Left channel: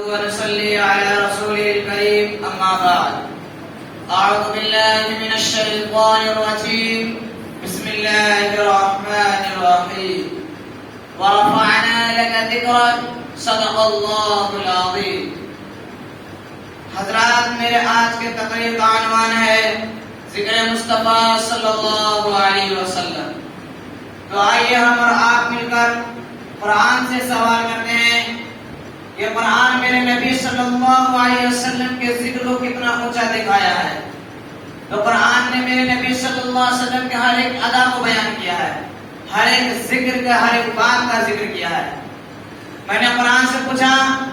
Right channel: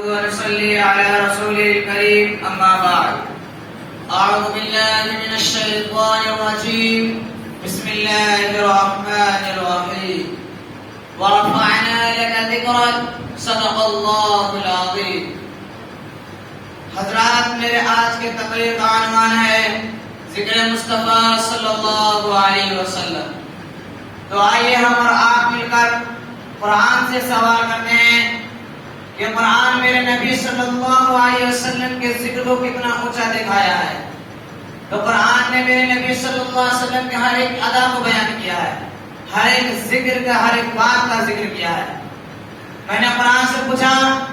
ونصلي على رسوله الكريم أما بعد. أعوذ بالله من الشيطان الرجيم. بسم الله الرحمن الرحيم. ورفعنا لك ذكرك. صدق الله العظيم. حضرات، میرے آج کے تقریر کا عنوان ہے ذکر مصطفیٰ صلی اللہ علیہ وسلم. تو آئیے ہم اور آپ مل کر قرآن سے سوال کرتے ہیں کہ قرآن میرے نبی صلی اللہ علیہ وسلم کے ذکر کو کتنا اونچا دکھایا ہے. تو قرآن نے میرے نبی صلی اللہ علیہ وسلم کے ہر ایک ادا کو بیان کیا ہے، ہر ایک ذکر کا، ہر ایک بات کا ذکر کیا ہے. میں نے قرآن سے پوچھا،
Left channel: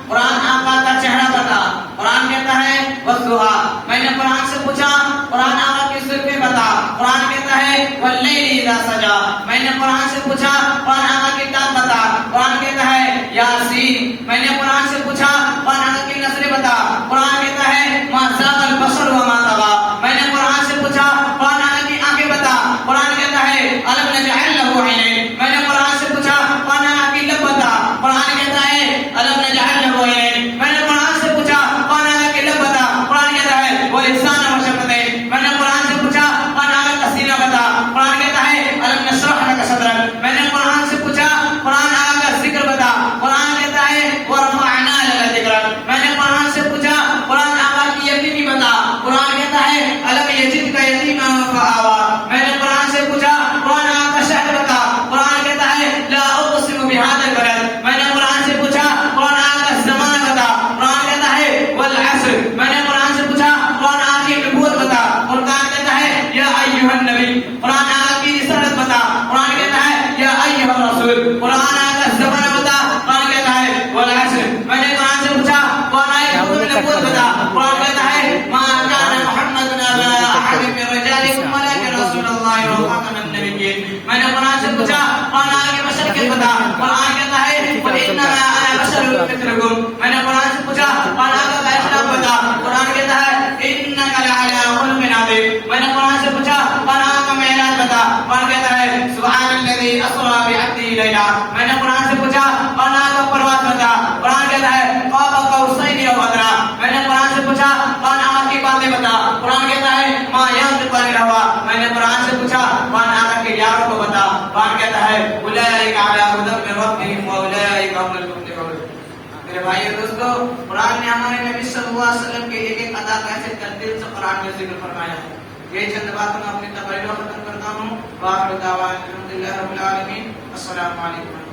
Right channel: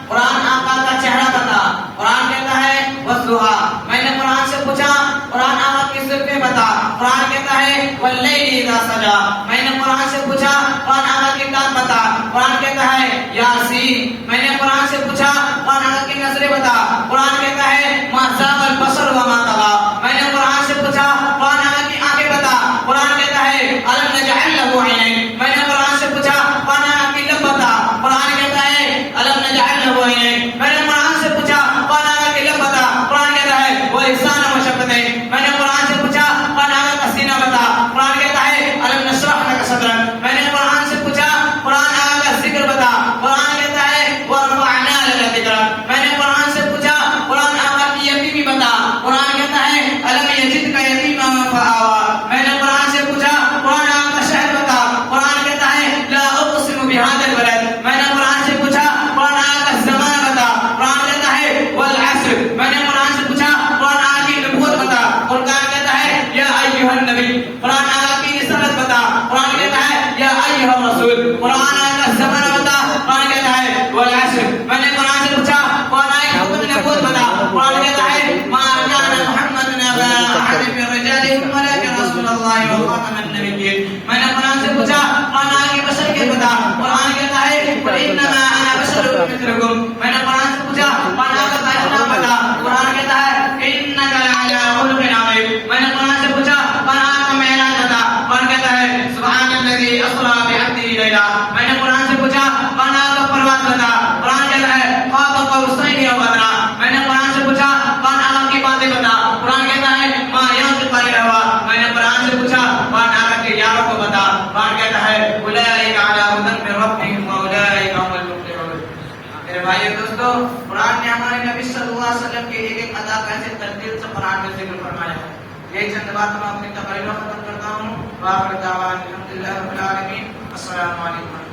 قرآن آقا کا چہرہ بتا. قرآن کہتا ہے والضحیٰ. میں نے قرآن سے پوچھا، قرآن آقا کی صفیں بتا. قرآن کہتا ہے واللیل اذا سجا. میں نے قرآن سے پوچھا، قرآن آقا کی ذات بتا. قرآن کہتا ہے یاسین. میں نے قرآن سے پوچھا، قرآن آقا کی نظریں بتا. قرآن کہتا ہے ما زاغ البصر وما طغى. میں نے قرآن سے پوچھا، قرآن آقا کی آنکھیں بتا. قرآن کہتا ہے الم نجعل له عینین. میں نے قرآن سے پوچھا، قرآن آقا کی لب بتا. قرآن کہتا ہے الم نجعل له عینین. میں نے قرآن سے پوچھا، قرآن آقا کی لب بتا. قرآن کہتا ہے ولسان وشفتین. میں نے قرآن سے پوچھا، قرآن آقا کا سینہ بتا. قرآن کہتا ہے الم نشرح لك صدرک. میں نے قرآن سے پوچھا، قرآن آقا کا ذکر بتا. قرآن کہتا ہے ورفعنا لك ذکرک. میں نے قرآن سے پوچھا، قرآن آقا کی یتیمی بتا. قرآن کہتا ہے الم یجدک یتیما فآوی. میں نے قرآن سے پوچھا، قرآن آقا کا شہر بتا. قرآن کہتا ہے لا اقسم بهذا البلد. میں نے قرآن سے پوچھا، قرآن آقا کا زمانہ بتا. قرآن کہتا ہے والعصر. میں نے قرآن سے پوچھا، قرآن آقا کی نبوت بتا. قرآن کہتا ہے یا ایھا النبی. قرآن آقا کی رسالت بتا. قرآن کہتا ہے یا ایھا الرسول. قرآن آقا کا زمانہ بتا. قرآن کہتا ہے والعصر. میں نے قرآن سے پوچھا، قرآن آقا کی نبوت بتا. قرآن کہتا ہے ما كان محمد ابا احد من رجالكم ولكن رسول الله وخاتم النبيين. میں نے قرآن سے پوچھا، قرآن آقا کی بشر کے بتا. قرآن کہتا ہے فانما انا بشر مثلكم. میں نے قرآن سے پوچھا، قرآن آقا کا اخلاق بتا. قرآن کہتا ہے انك لعلى خلق عظيم. میں نے قرآن سے پوچھا، قرآن آقا کا معراج بتا. قرآن کہتا ہے سبحان الذي اسرى بعبده ليلا. میں نے قرآن سے پوچھا، قرآن آقا کا پرواز بتا. قرآن کہتا ہے قاب قوسين او ادنى. میں نے قرآن سے پوچھا، قرآن آقا کی باتیں بتا. قرآن کہتا ہے ما ينطق عن الهوى. میں نے قرآن سے پوچھا، قرآن آقا کے یاروں کو بتا. قرآن کہتا ہے اولئک علی ھدی من ربهم واولئک هم المفلحون. میرے بھائی دوستو، قرآن نے ہمارے نبی صلی اللہ علیہ وسلم کی ایک ایک ادا کیسے ترتیب سے قرآن میں ذکر فرمایا ہے. یہ چند باتیں میں اپنی تقریر ختم کرتا ہوں. وآخر دعوانا الحمدللہ رب العالمین. السلام علیکم.